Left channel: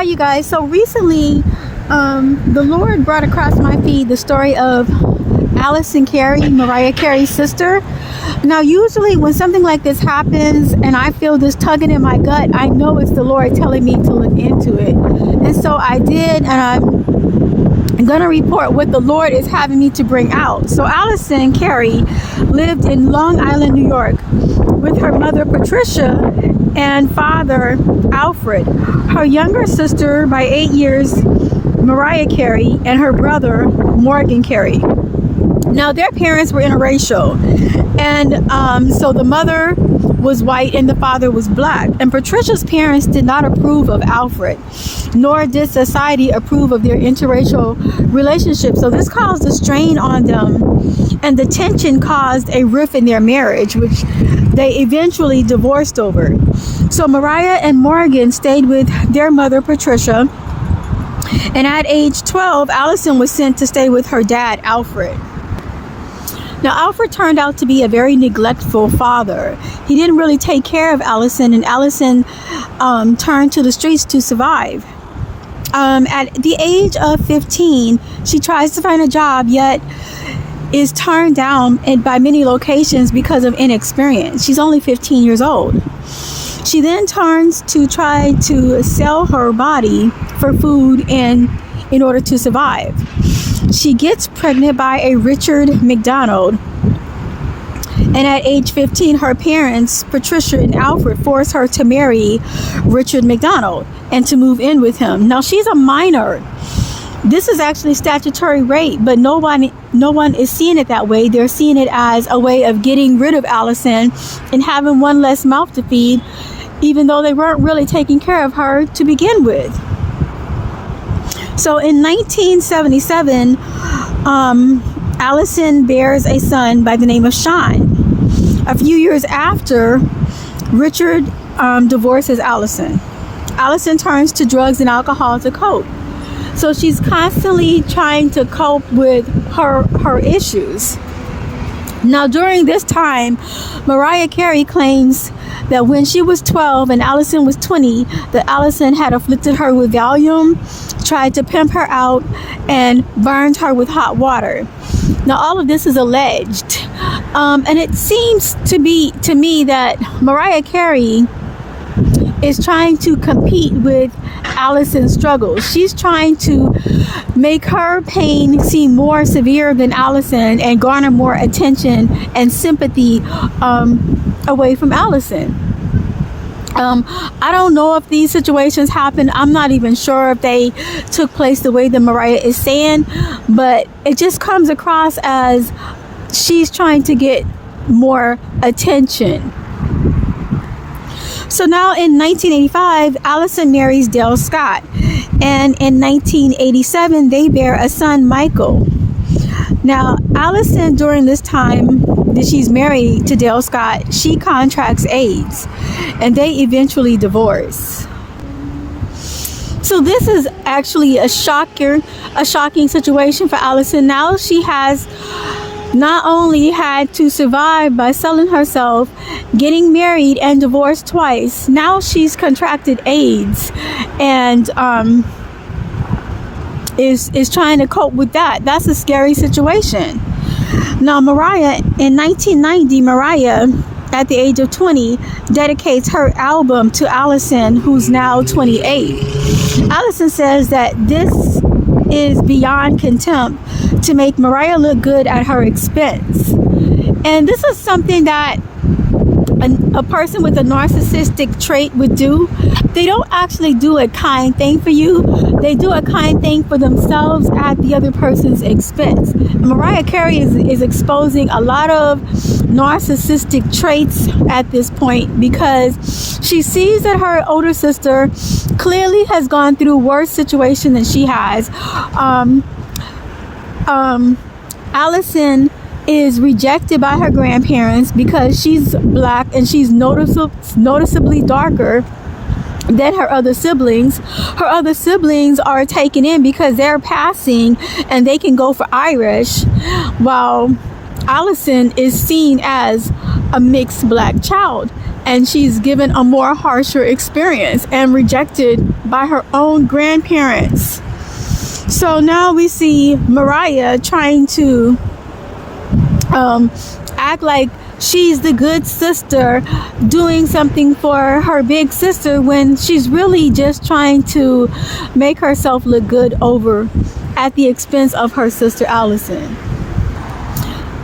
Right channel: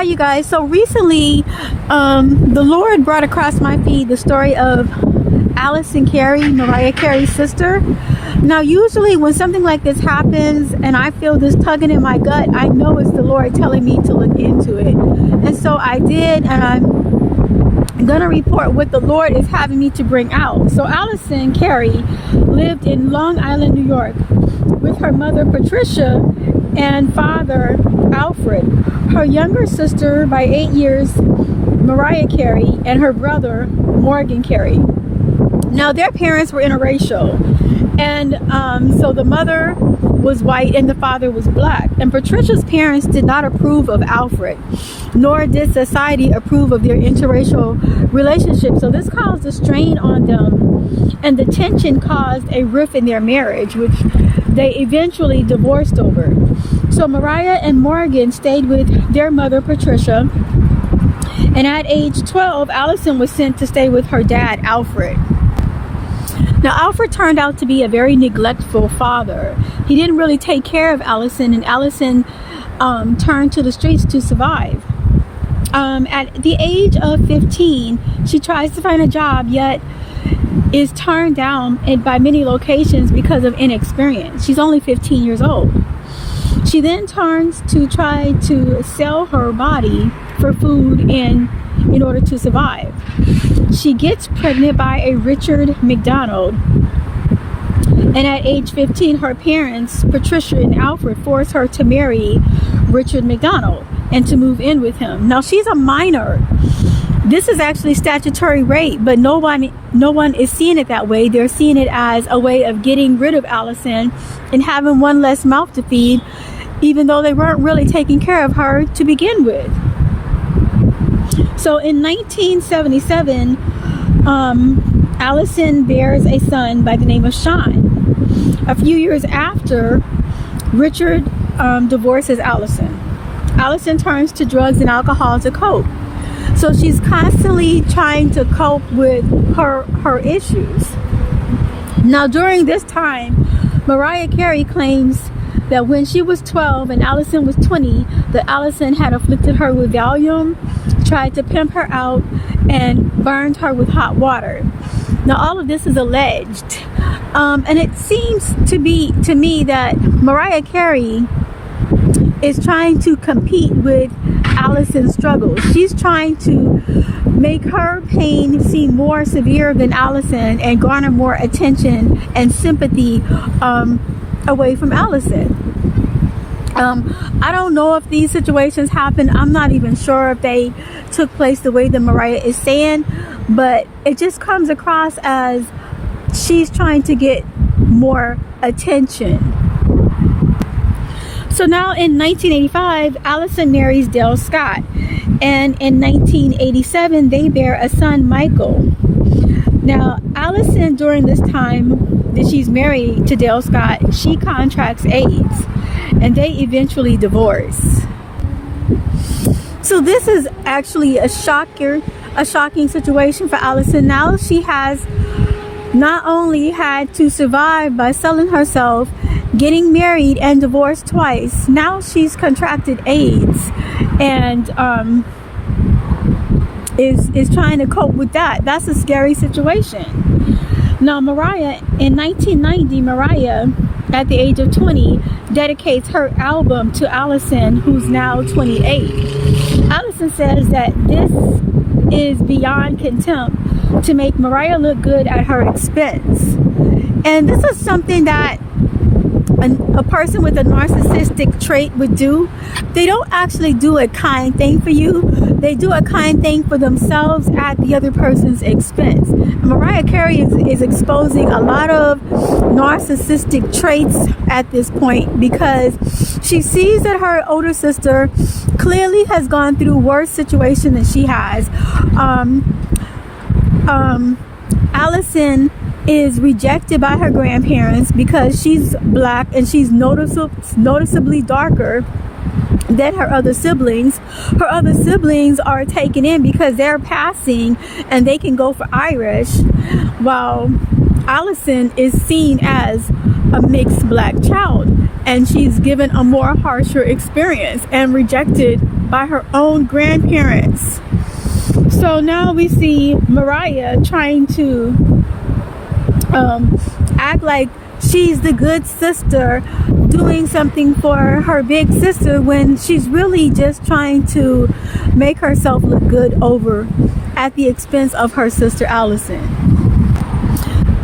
Hi you guys. So recently the Lord brought across my feed the story of Alison Carey, Mariah Carey's sister. Now usually when something like this happens and I feel this tugging in my gut, I know it's the Lord telling me to look into it. And so I did, and I'm going to report what the Lord is having me to bring out. So Alison Carey lived in Long Island, New York with her mother Patricia and father Alfred. Her younger sister by 8 years, Mariah Carey, and her brother Morgan Carey. Now their parents were interracial, and so the mother was white and the father was black. And Patricia's parents did not approve of Alfred, nor did society approve of their interracial relationship. So this caused a strain on them, and the tension caused a rift in their marriage, which they eventually divorced over. So Mariah and Morgan stayed with their mother Patricia, and at age 12 Alison was sent to stay with her dad Alfred. Now Alfred turned out to be a very neglectful father. He didn't really take care of Alison, and Alison turned to the streets to survive. At the age of 15, she tries to find a job, yet is turned down by many locations because of inexperience. She's only 15 years old. She then turns to try to sell her body for food in order to survive. She gets pregnant by a Richard McDonald, and at age 15 her parents Patricia and Alfred force her to marry Richard McDonald and to move in with him. Now she's a minor. This is actually statutory rape, but no one is seeing it that way. They're seeing it as a way of getting rid of Alison and having one less mouth to feed, even though they weren't really taking care of her to begin with. So in 1977, Alison bears a son by the name of Sean. A few years after, Richard divorces Alison. Alison turns to drugs and alcohol to cope. So she's constantly trying to cope with her issues. Now during this time, Mariah Carey claims that when she was 12 and Alison was 20, that Alison had afflicted her with Valium, tried to pimp her out, and burned her with hot water. Now all of this is alleged, and it seems to me that Mariah Carey is trying to compete with Alison's struggles. She's trying to make her pain seem more severe than Alison and garner more attention and sympathy away from Alison. I don't know if these situations happen. I'm not even sure if they took place the way that Mariah is saying, but it just comes across as she's trying to get more attention. So now in 1985, Alison marries Dale Scott, and in 1987 they bear a son, Michael. Now Alison, during this time that she's married to Dale Scott, she contracts AIDS, and they eventually divorce. So this is actually a shocking situation for Alison. Now she has not only had to survive by selling herself, getting married, and divorced twice. Now she's contracted AIDS and is trying to cope with that. That's a scary situation. Now Mariah, in 1990, Mariah, at the age of 20, dedicates her album to Alison, who's now 28. Alison says that this is beyond contempt to make Mariah look good at her expense. And this is something that a person with a narcissistic trait would do. They don't actually do a kind thing for you. They do a kind thing for themselves at the other person's expense. Mariah Carey is exposing a lot of narcissistic traits at this point, because she sees that her older sister clearly has gone through a worse situation than she has. Alison is rejected by her grandparents because she's black and she's noticeably darker than her other siblings. Her other siblings are taken in because they're passing and they can go for Irish, while Alison is seen as a mixed black child, and she's given a more harsher experience and rejected by her own grandparents. So now we see Mariah trying to act like she's the good sister, doing something for her big sister, when she's really just trying to make herself look good over at the expense of her sister Alison.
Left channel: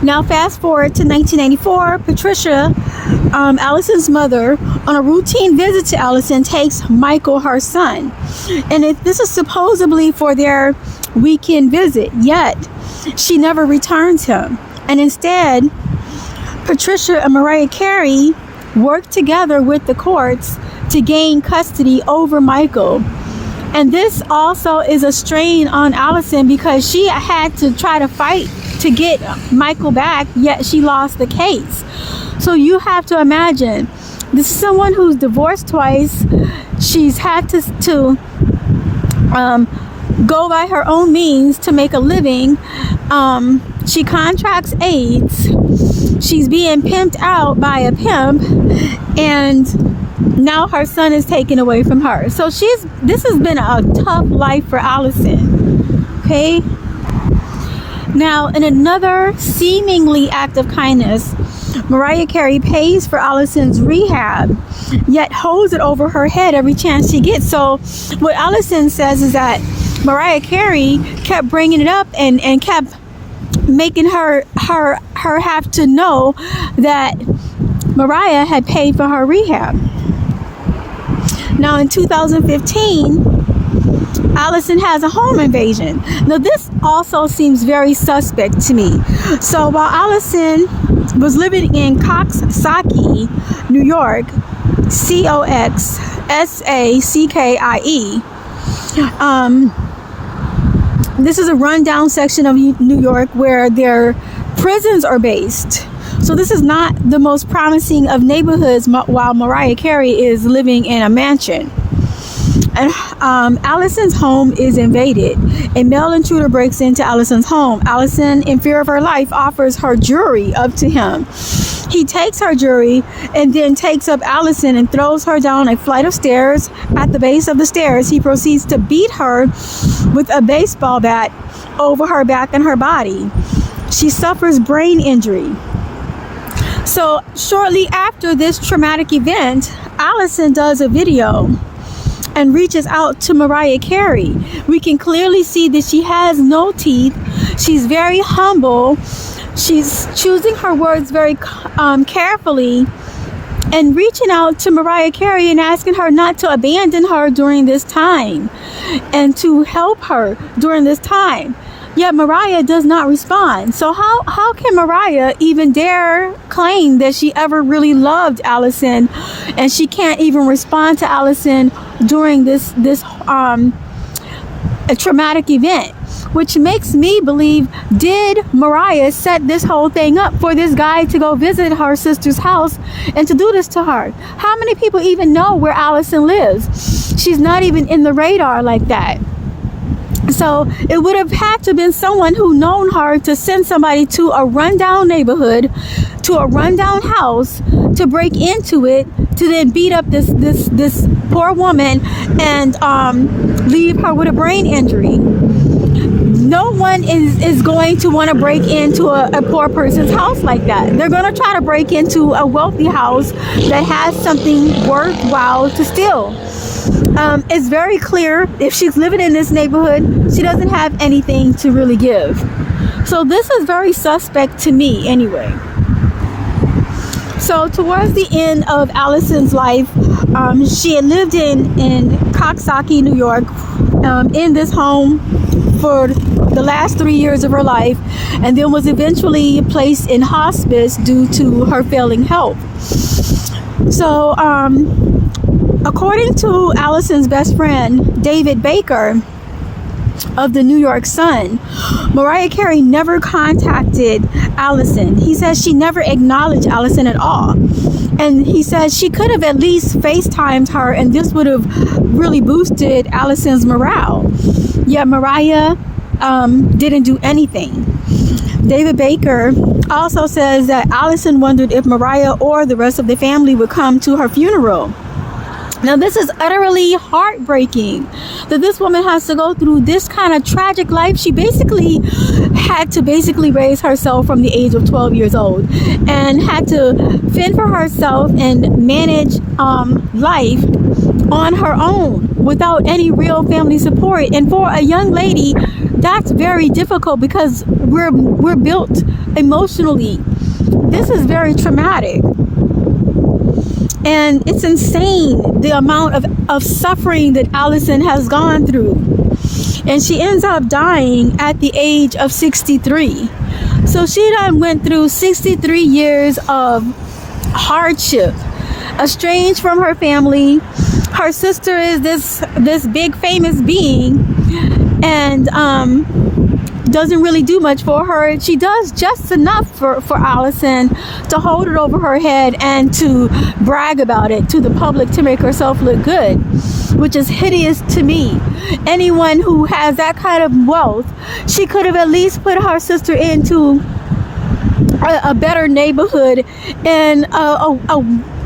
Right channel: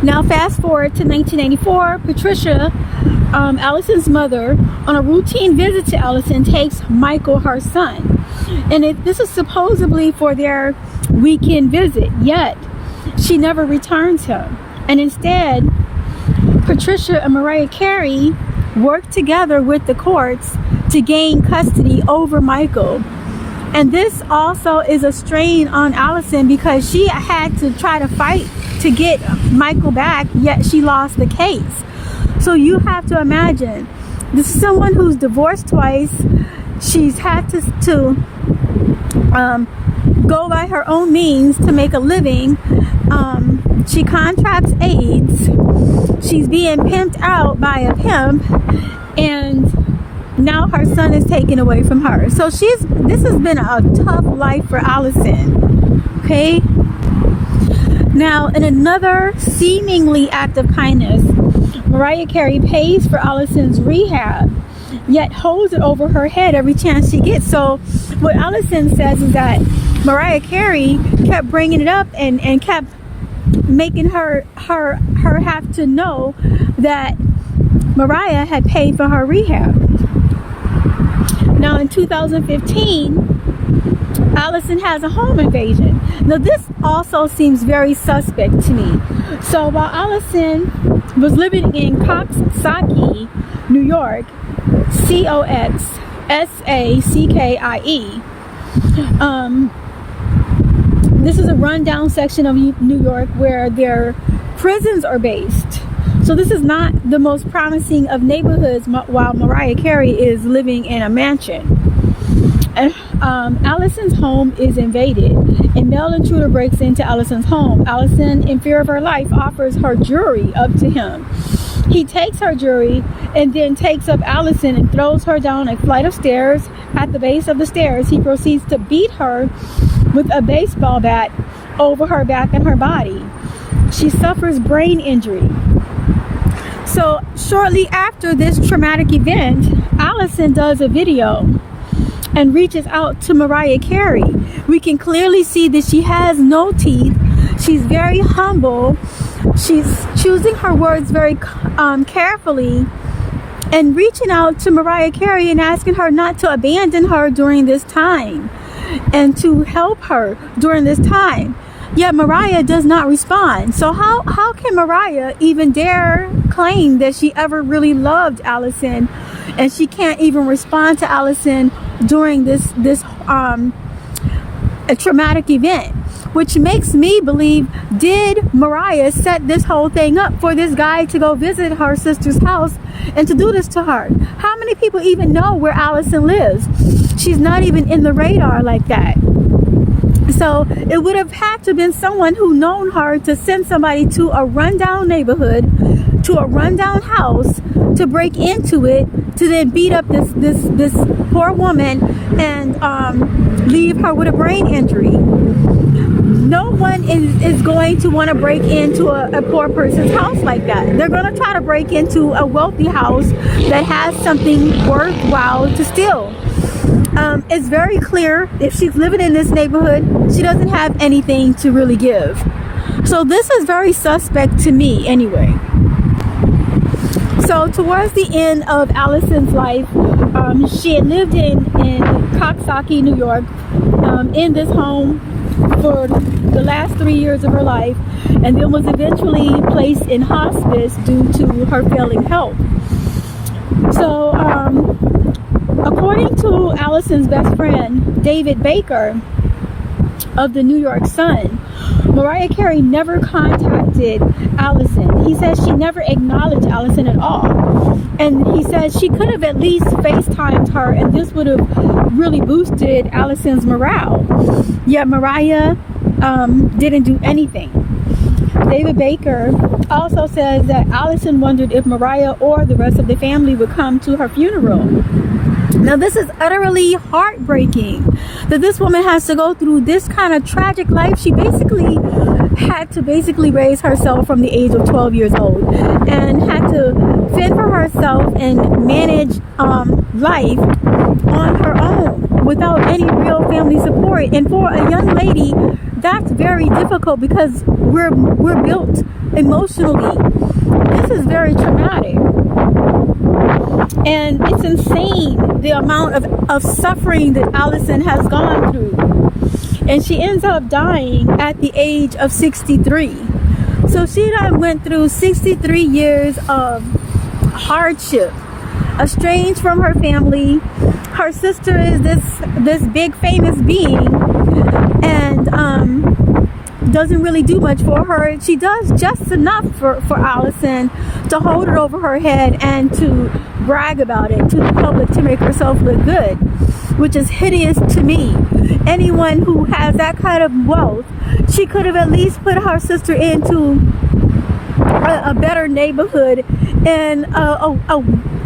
Now fast forward to 1994, Patricia, Alison's mother, on a routine visit to Alison, takes Michael, her son. And this is supposedly for their weekend visit, yet she never returns him. And instead, Patricia and Mariah Carey work together with the courts to gain custody over Michael. And this also is a strain on Alison, because she had to try to fight to get Michael back, yet she lost the case. So you have to imagine, this is someone who's divorced twice. She's had to go by her own means to make a living. She contracts AIDS. She's being pimped out by a pimp, and now her son is taken away from her. So this has been a tough life for Alison. Okay. Now, in another seemingly act of kindness, Mariah Carey pays for Alison's rehab, yet holds it over her head every chance she gets. So what Alison says is that Mariah Carey kept bringing it up and kept making her have to know that Mariah had paid for her rehab. Now in 2015, Alison has a home invasion. Now this also seems very suspect to me. So while Alison was living in Coxsackie, New York, Coxsackie, this is a rundown section of New York where their prisons are based. So this is not the most promising of neighborhoods, while Mariah Carey is living in a mansion. And Alison's home is invaded. A male intruder breaks into Alison's home. Alison, in fear of her life, offers her jewelry up to him. He takes her jewelry and then takes up Alison and throws her down a flight of stairs. At the base of the stairs, he proceeds to beat her with a baseball bat over her back and her body. She suffers brain injury. So shortly after this traumatic event, Alison does a video and reaches out to Mariah Carey. We can clearly see that she has no teeth. She's very humble. She's choosing her words very carefully, and reaching out to Mariah Carey and asking her not to abandon her during this time and to help her during this time. Yet Mariah does not respond. So how can Mariah even dare claim that she ever really loved Alison, and she can't even respond to Alison during this a traumatic event? Which makes me believe, did Mariah set this whole thing up for this guy to go visit her sister's house and to do this to her? How many people even know where Alison lives? She's not even in the radar like that. So it would have had to have been someone who known her to send somebody to a rundown neighborhood, to a rundown house, to break into it, to then beat up this poor woman and leave her with a brain injury. No one is going to want to break into a poor person's house like that. They're going to try to break into a wealthy house that has something worthwhile to steal. It's very clear, if she's living in this neighborhood, she doesn't have anything to really give. So this is very suspect to me anyway. So towards the end of Alison's life, she had lived in Coxsackie, New York, in this home for the last 3 years of her life, and then was eventually placed in hospice due to her failing health. So according to Alison's best friend, David Baker, of the New York Sun, Mariah Carey never contacted Alison. He says she never acknowledged Alison at all. And he says she could have at least FaceTimed her, and this would have really boosted Alison's morale. Yet Mariah didn't do anything. David Baker also says that Alison wondered if Mariah or the rest of the family would come to her funeral. Now, this is utterly heartbreaking that this woman has to go through this kind of tragic life. She basically had to raise herself from the age of 12 years old and had to fend for herself and manage life on her own without any real family support. And for a young lady, that's very difficult because we're built emotionally. This is very traumatic. And it's insane the amount of suffering that Alison has gone through. And she ends up dying at the age of 63. So she done went through 63 years of hardship, estranged from her family. Her sister is this big famous being, and doesn't really do much for her. She does just enough for Alison to hold it over her head and to brag about it to the public to make herself look good, which is hideous to me. Anyone who has that kind of wealth, she could have at least put her sister into a better neighborhood and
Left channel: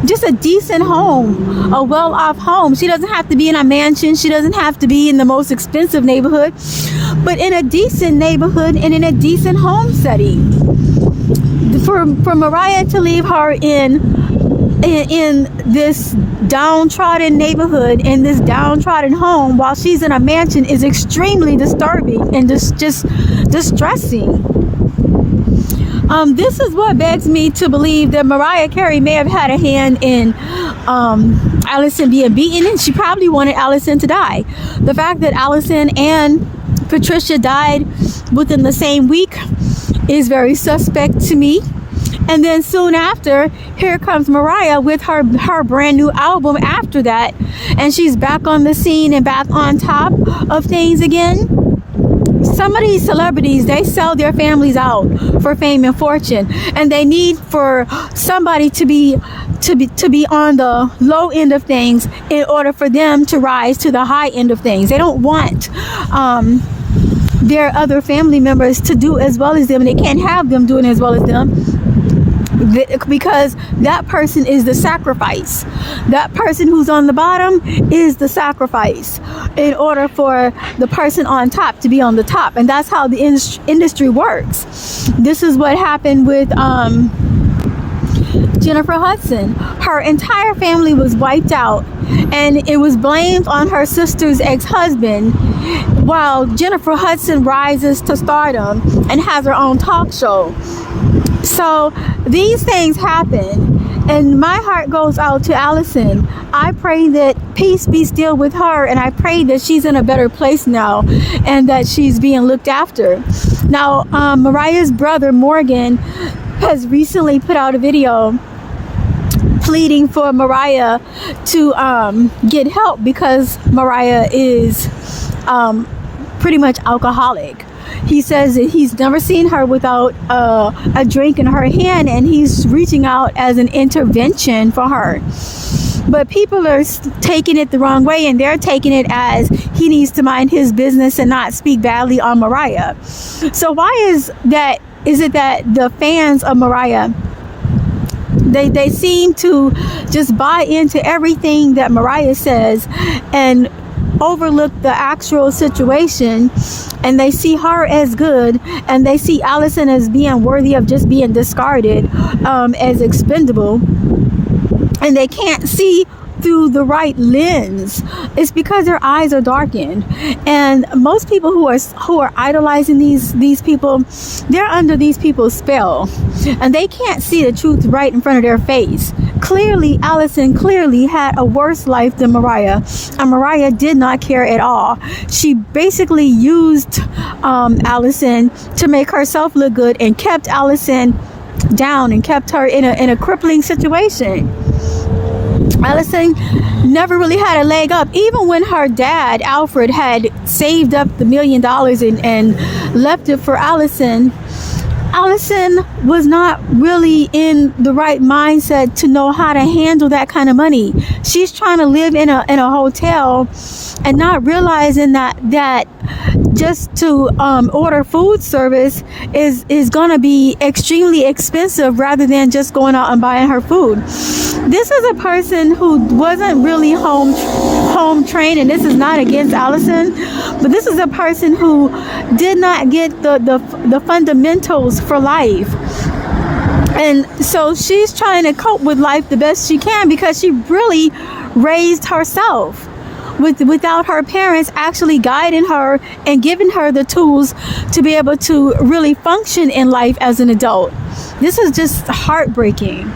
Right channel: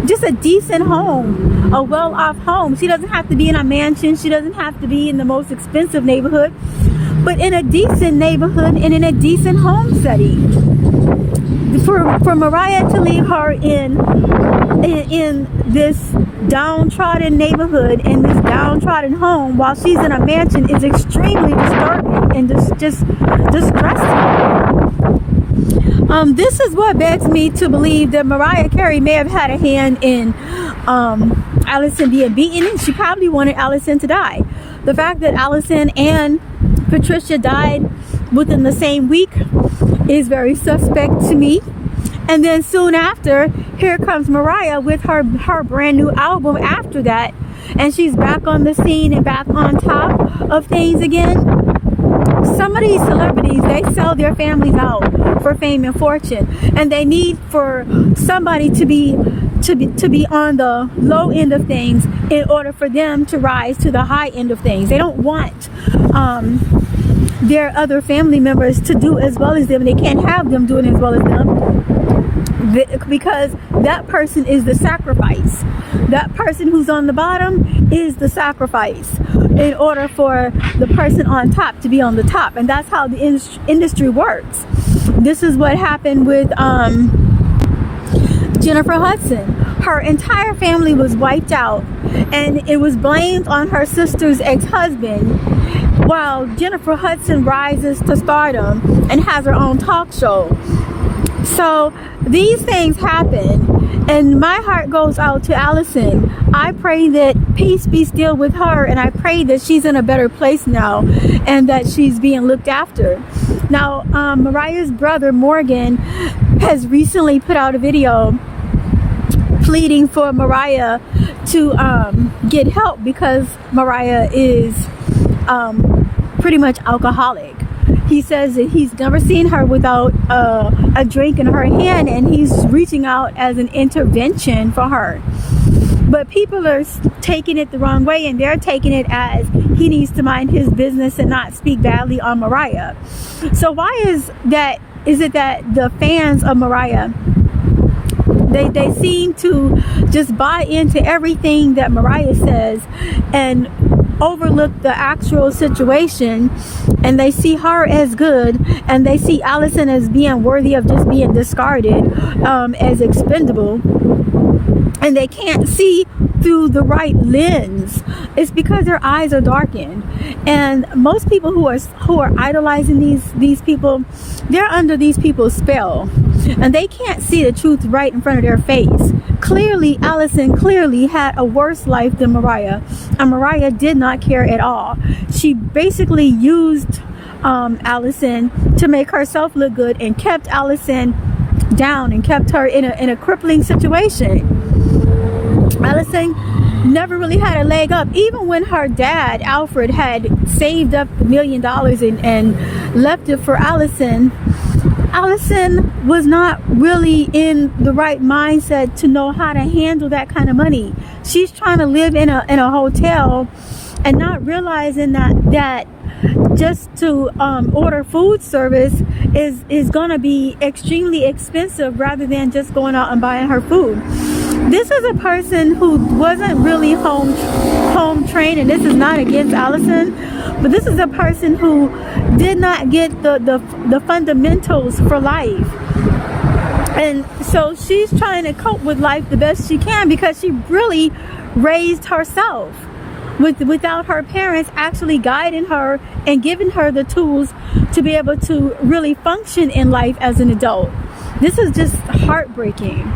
just a decent home, a well-off home. She doesn't have to be in a mansion. She doesn't have to be in the most expensive neighborhood, but in a decent neighborhood and in a decent home setting. For Mariah to leave her in this downtrodden neighborhood, in this downtrodden home, while she's in a mansion is extremely disturbing and just distressing. This is what begs me to believe that Mariah Carey may have had a hand in Alison being beaten, and she probably wanted Alison to die. The fact that Alison and Patricia died within the same week is very suspect to me. And then soon after, here comes Mariah with her brand new album after that, and she's back on the scene and back on top of things again. Some of these celebrities, they sell their families out for fame and fortune, and they need for somebody to be on the low end of things in order for them to rise to the high end of things. They don't want their other family members to do as well as them, and they can't have them doing as well as them, because that person is the sacrifice. That person who's on the bottom is the sacrifice in order for the person on top to be on the top. And that's how the industry works. This is what happened with Jennifer Hudson. Her entire family was wiped out, and it was blamed on her sister's ex-husband, while Jennifer Hudson rises to stardom and has her own talk show. So these things happen, and my heart goes out to Alison. I pray that peace be still with her, and I pray that she's in a better place now and that she's being looked after. Now, Mariah's brother Morgan has recently put out a video pleading for Mariah to get help because Mariah is pretty much alcoholic. He says that he's never seen her without a drink in her hand, and he's reaching out as an intervention for her. But people are taking it the wrong way, and they're taking it as he needs to mind his business and not speak badly on Mariah. So why is it that the fans of Mariah, they seem to just buy into everything that Mariah says and overlook the actual situation, and they see her as good, and they see Alison as being worthy of just being discarded, as expendable, and they can't see through the right lens. It's because their eyes are darkened. And most people who are idolizing these people, they're under these people's spell, and they can't see the truth right in front of their face. Clearly, Alison had a worse life than Mariah, and Mariah did not care at all. She basically used Alison to make herself look good and kept Alison down and kept her in a crippling situation. Alison never really had a leg up. Even when her dad, Alfred, had saved up the $1 million and left it for Alison, Alison was not really in the right mindset to know how to handle that kind of money. She's trying to live in a hotel and not realizing that just to order food service is gonna be extremely expensive rather than just going out and buying her food. This is a person who wasn't really home trained, and this is not against Alison, but this is a person who did not get the fundamentals for life. And so she's trying to cope with life the best she can, because she really raised herself without her parents actually guiding her and giving her the tools to be able to really function in life as an adult. This is just heartbreaking.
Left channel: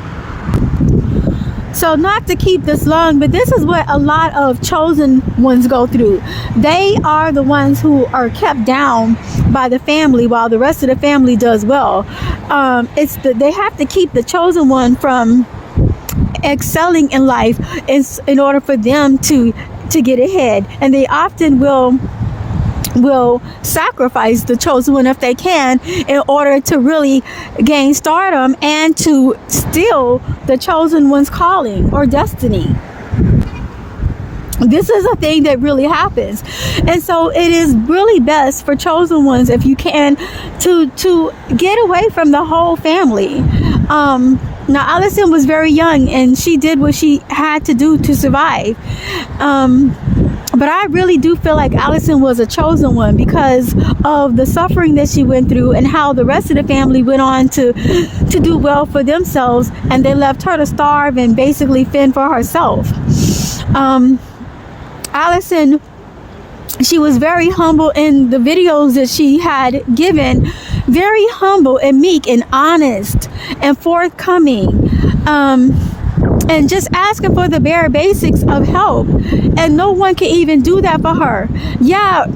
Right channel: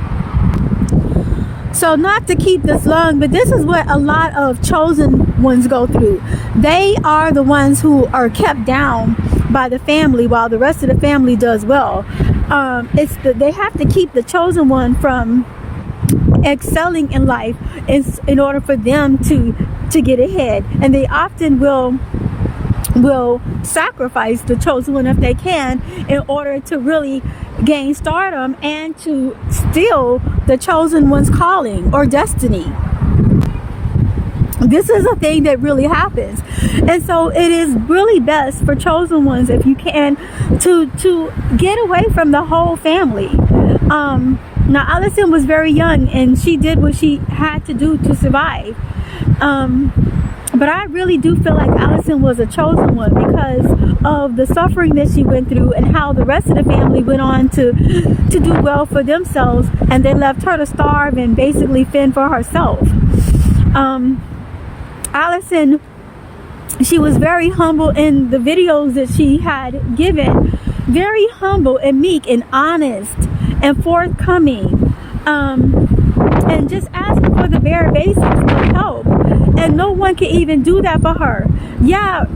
So not to keep this long, but this is what a lot of chosen ones go through. They are the ones who are kept down by the family while the rest of the family does well. They have to keep the chosen one from excelling in life in order for them to get ahead, and they often will sacrifice the chosen one if they can in order to really gain stardom and to steal the chosen one's calling or destiny. This is a thing that really happens, and so it is really best for chosen ones, if you can, to get away from the whole family. Now Alison was very young and she did what she had to do to survive. But I really do feel like Alison was a chosen one because of the suffering that she went through and how the rest of the family went on to do well for themselves, and they left her to starve and basically fend for herself. Alison, she was very humble in the videos that she had given, very humble and meek and honest and forthcoming, and just asking for the bare basics of help, and no one can even do that for her. Yeah,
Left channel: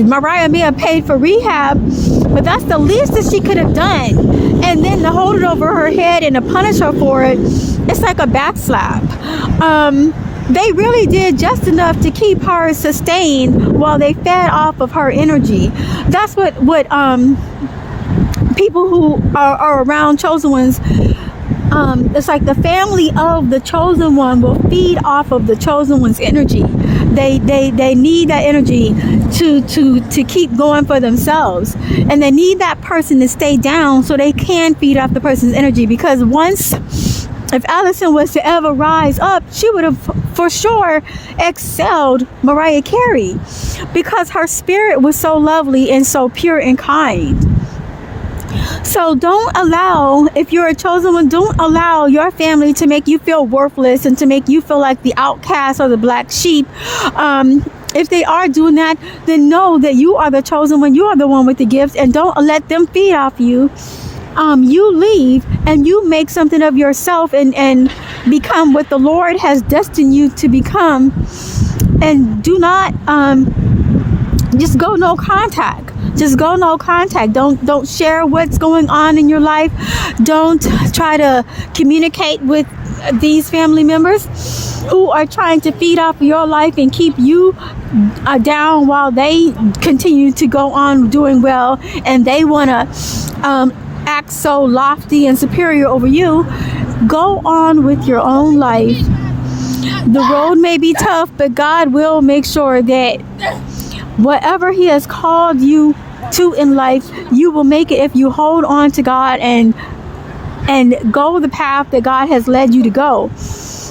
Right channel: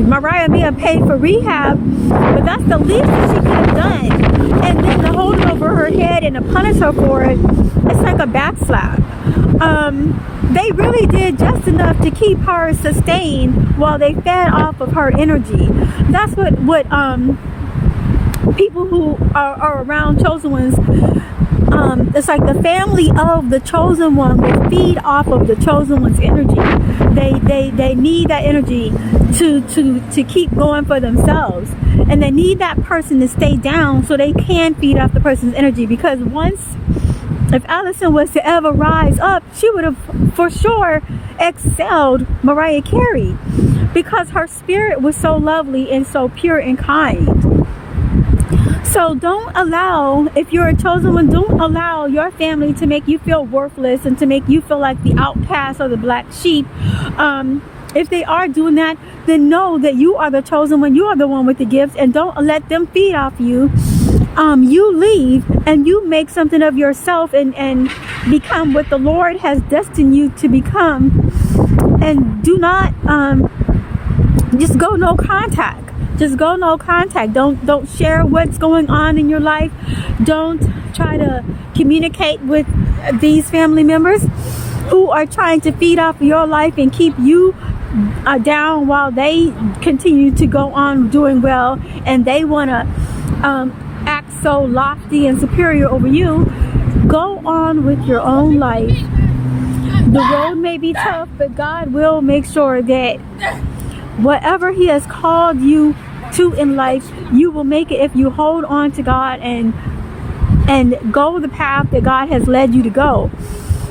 Mariah may have paid for rehab, but that's the least that she could have done, and then to hold it over her head and to punish her for it, it's like a backslap. They really did just enough to keep her sustained while they fed off of her energy. That's what people who are around chosen ones, it's like the family of the chosen one will feed off of the chosen one's energy. They need that energy to keep going for themselves, and they need that person to stay down so they can feed off the person's energy. Because once, if Alison was to ever rise up, she would have for sure excelled Mariah Carey, because her spirit was so lovely and so pure and kind. So don't allow, if you're a chosen one, don't allow your family to make you feel worthless and to make you feel like the outcast or the black sheep. If they are doing that, then know that you are the chosen one. You are the one with the gifts, and don't let them feed off you. You leave and you make something of yourself and become what the Lord has destined you to become. And do not just go no contact. Just go no contact. Don't share what's going on in your life. Don't try to communicate with these family members who are trying to feed off your life and keep you down while they continue to go on doing well, and they want to act so lofty and superior over you. Go on with your own life. The road may be tough, but God will make sure that whatever He has called you to in life, you will make it if you hold on to God and go the path that God has led you to go.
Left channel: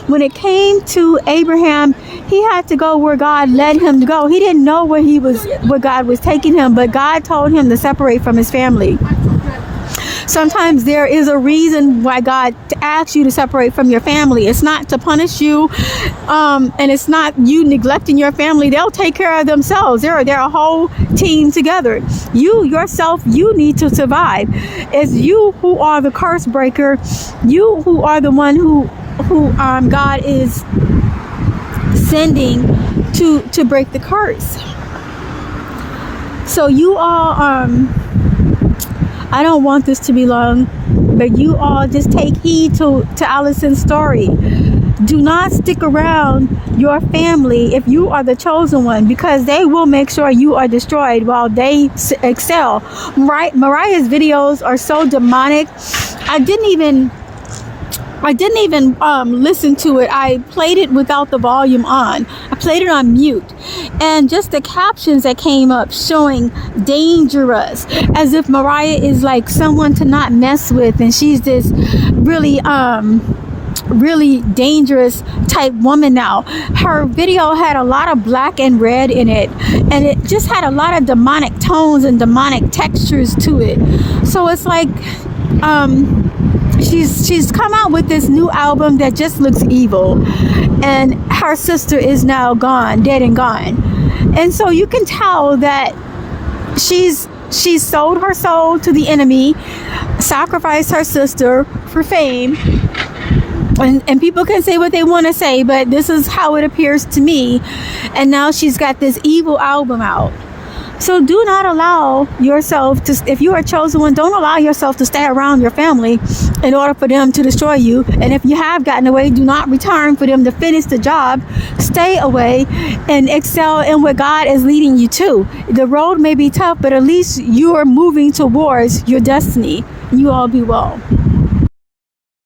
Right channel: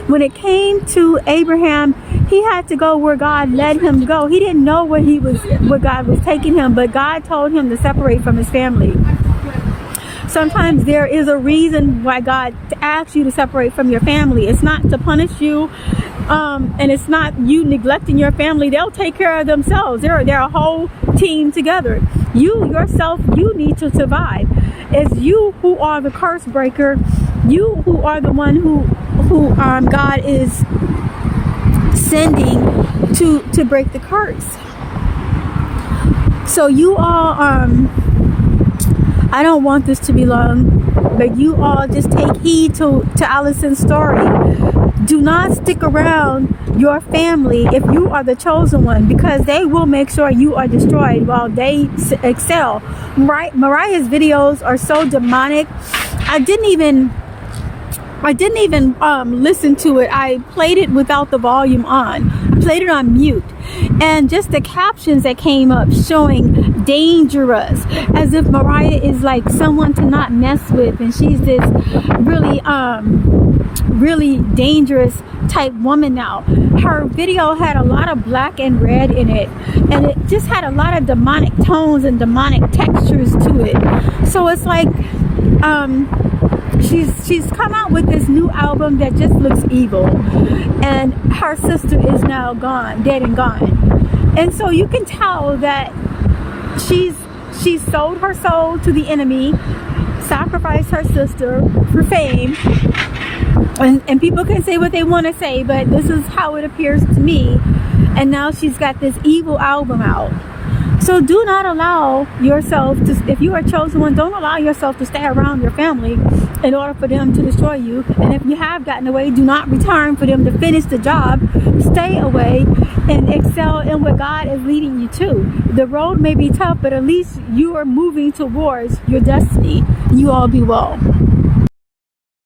When it came to Abraham, he had to go where God led him to go. He didn't know where God was taking him, but God told him to separate from his family. Sometimes there is a reason why God asks you to separate from your family. It's not to punish you, and it's not you neglecting your family. They'll take care of themselves. They're a whole team together. You yourself, you need to survive. It's you who are the curse breaker. You who are the one who God is sending to break the curse. So you all, I don't want this to be long, but you all just take heed to Alison's story. Do not stick around your family if you are the chosen one, because they will make sure you are destroyed while they excel. Mariah's videos are so demonic. I didn't even I didn't even listen to it. I played it without the volume on. I played it on mute. And just the captions that came up showing dangerous, as if Mariah is like someone to not mess with, and she's this really really dangerous type woman now. Her video had a lot of black and red in it, and it just had a lot of demonic tones and demonic textures to it. So it's like she's come out with this new album that just looks evil, and her sister is now gone, dead and gone. And so you can tell that she's sold her soul to the enemy, sacrificed her sister for fame. And people can say what they want to say, but this is how it appears to me. And now she's got this evil album out. So do not allow yourself to, if you are a chosen one, don't allow yourself to stay around your family in order for them to destroy you. And if you have gotten away, do not return for them to finish the job. Stay away and excel in what God is leading you to. The road may be tough, but at least you are moving towards your destiny. You all be well.